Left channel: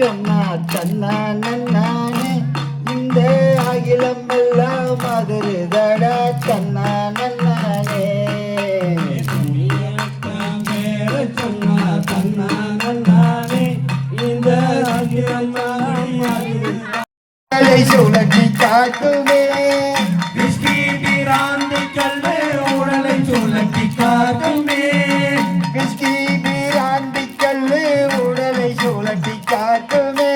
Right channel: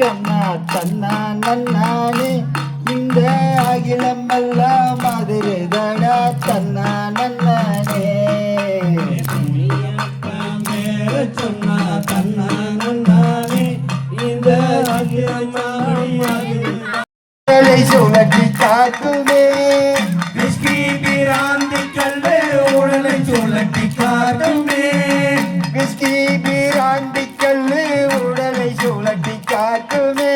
சொன்னா தன்னா நன்னானே இந்த அகிலம் எல்லாம் மதுரைதடா தன்னா நன்னானே சொன்னா தன்னா நன்னானே இந்த அகிலம் சுழற்றி காட்டுமே பிராந்தி கல்வே உடலை சுழற்றி காட்டுமே பிராந்தி கல்வி உடலை சுழற்றி காட்டுமே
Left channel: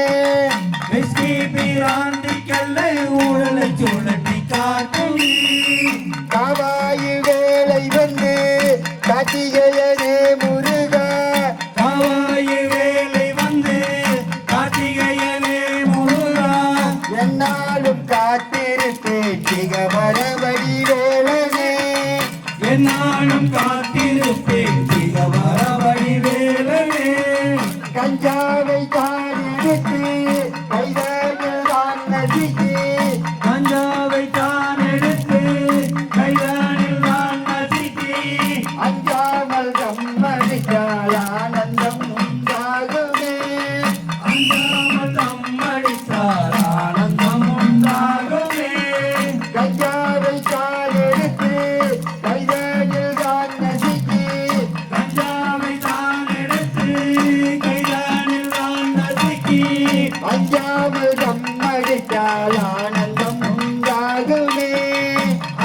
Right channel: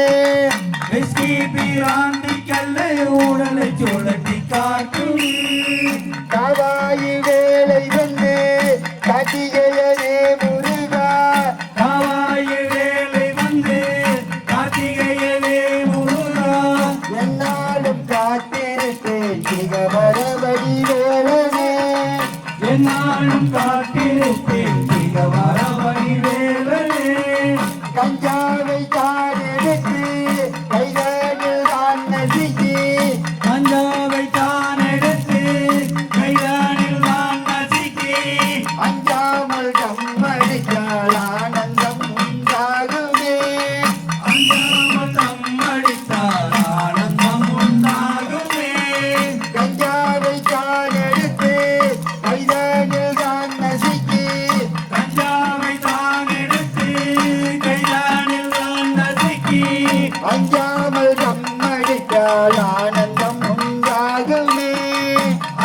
பிராந்தி கல்லை உடலை சுழற்றி காட்டுமே காவாயி வேலை வந்து காட்டிகையனே முருகா காவாயி வேலை வந்து காட்டிகையனே முருகா என்னாலும் காத்திருப்பேன் மிக வரவடி வேலனே என்னாலும் காத்திருப்பேன் மிக வரவடி வேலனே கஞ்சாவை தான் எடுத்து கைதானில் தான் நதிக்கு கஞ்சாவை தான் எடுத்து கைதானில் தான் நதிக்கு அஞ்சாமல் தம்மடித்தால் ஆனந்தம் உண்டாகுமே அஞ்சாமல் தம்மடித்தால் ஆனந்தம் உண்டாகுமே கஞ்சாவை தான் எடுத்து கைதானில் தான் நதிக்கு கஞ்சாவை தான் எடுத்து கைதானில் தான் நதிக்கு அஞ்சாமல் தம்மடித்தால் ஆனந்தம் உண்டாகுமே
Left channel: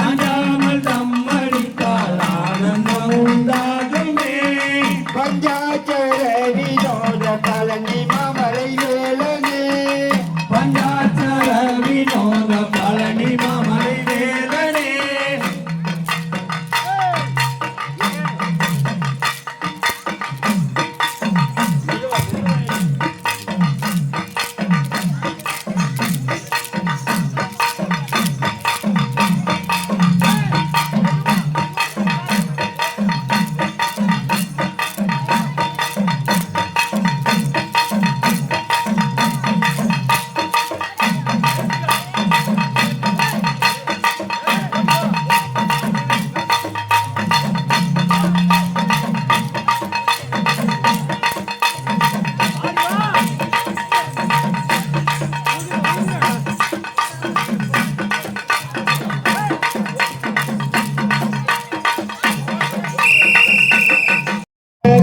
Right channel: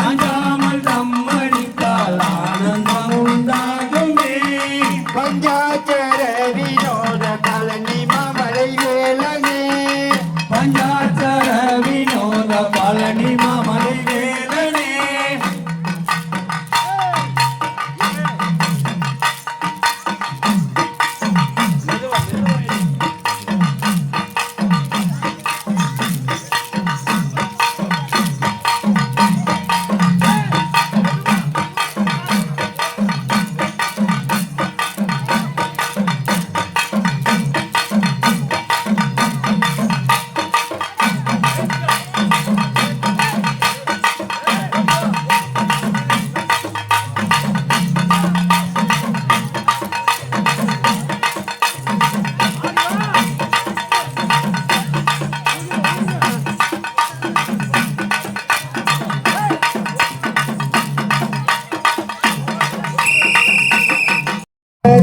அஞ்சாமல் தம்மடித்தால் ஆனந்தம் உண்டாகுமே பஞ்சாச்சர வினோத பழனி மாமலை வேலனே பஞ்சாச்சர வினோத பழனி மாமலை வேலனே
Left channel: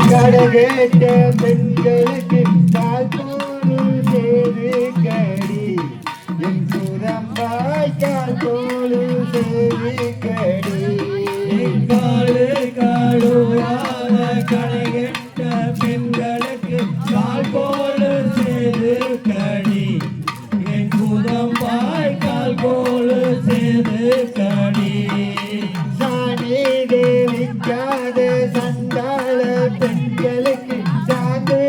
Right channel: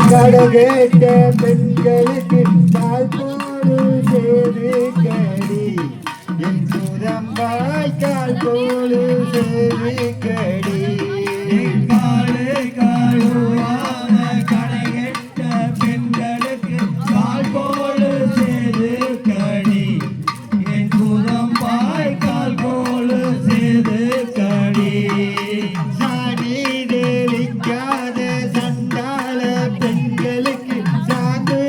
கடகேட்ட பெண்களுக்கு கால் போடு சேது கடி என் புறம்பாய் கால் போடு சேது கடி காடு காடுவான கடகேட்ட பெண்களுக்கு கால் போடு சேது கடி என் புறம்பாய் கால் போடு சேது கடி சாணி தேவிக்காத சண்டாள பெண்களுக்கு சாந்து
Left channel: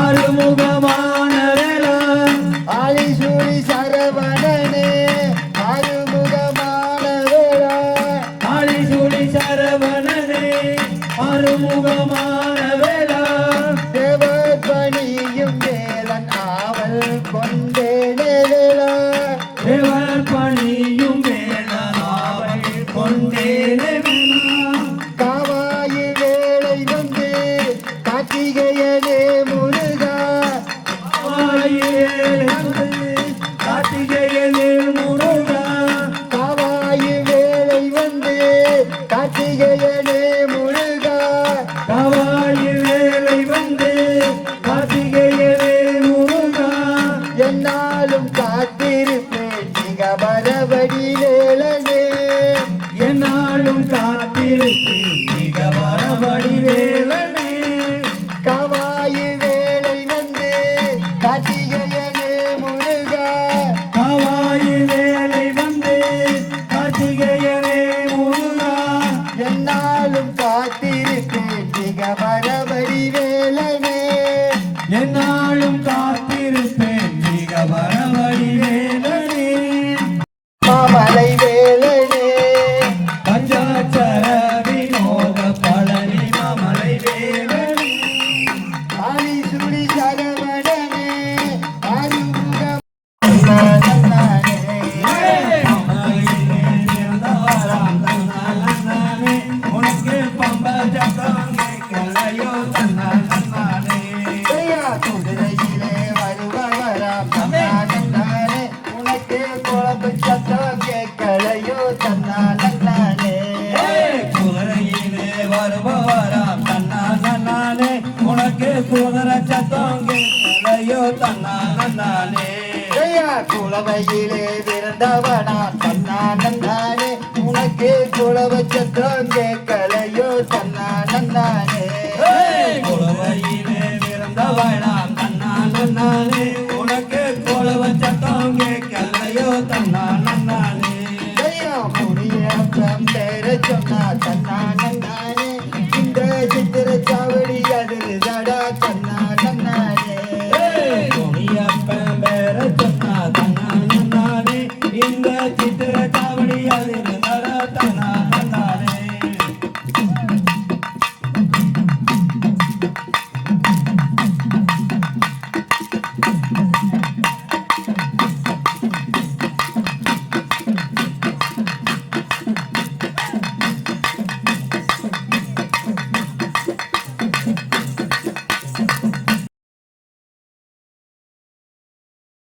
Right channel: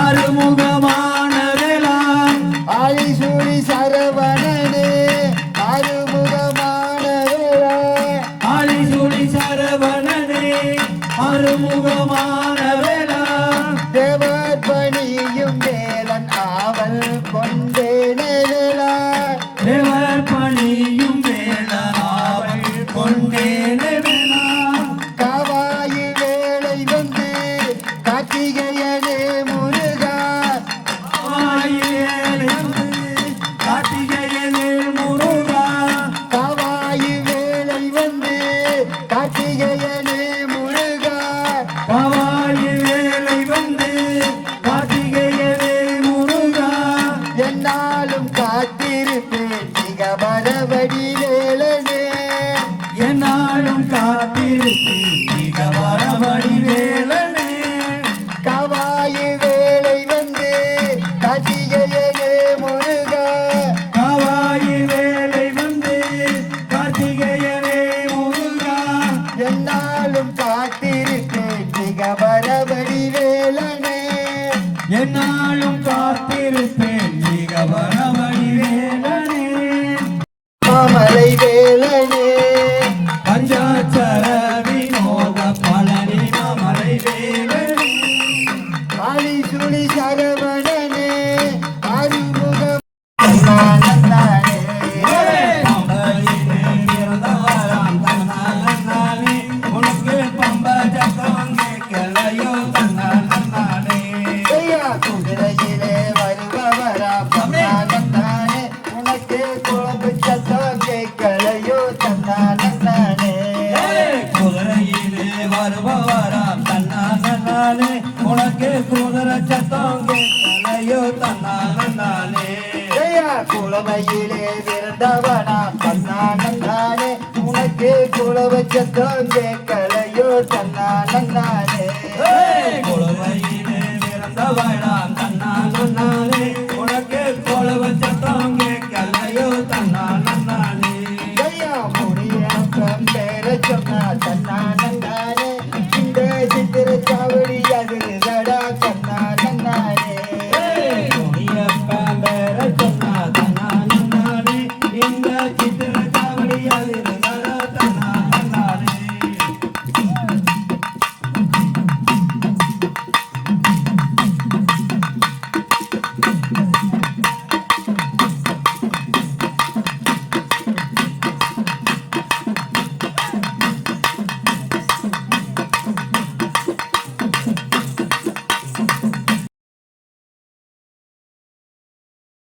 அறுமுகமான வேளா ஆலிசூரி சரவணனே அறுமுகமான வேளா ஆலிசூரி சரவணனே அறுமுகமான வேளா தேவப்பணியும் வேலன் ஆவல் கொண்டேனே வேளா தேவப்பணியும் வேலன் ஆவல் கொண்டேனே வேளா காவாயி வேலை வந்து கார்த்திகையனே முருகா காவாயி வேலை வந்து கார்த்திகையனே முருகா காவாயி வேலை வந்து கார்த்திகையனே முருகா காவாயி வேலை வந்து கார்த்திகையனே முருகா என்னாலும் காத்திருப்பேன் மிக வரவடி வேலனே என்னாலும் காத்திருப்பேன் மிக வரவடி வேலனே காவாயி வேலை வந்து கார்த்திகையனே முருகா காவாயி வேலை வந்து கார்த்திகையனே முருகா என்னாலும் காத்திருப்பேன் மிக வரவடி வேலனே என்னாலும் காத்திருப்பேன் மிக வரவடி வேலனே மாமலை வேலனே பஞ்சாச்சர வினோத பழனி மாமலை வேலனே ஆலிசூரி சரவணனே அறுமுகம் நன்னானே குதிரையிலே வருபவராம் தன்னானே உனக்கு குழம்பு சத்தம் கேட்கலையோ தன்னானே குதிரையிலே வருபவராம் தன்னானே உனக்கு குதிரை சத்தம் கேட்கலையோ தன்னானே குளவையிலே விருந்தவனாம் தன்னானே உனக்கு குளவ சத்தம் கேட்கலையோ தன்னானே குழுவையிலே பிறந்தவளாம் தன்னானே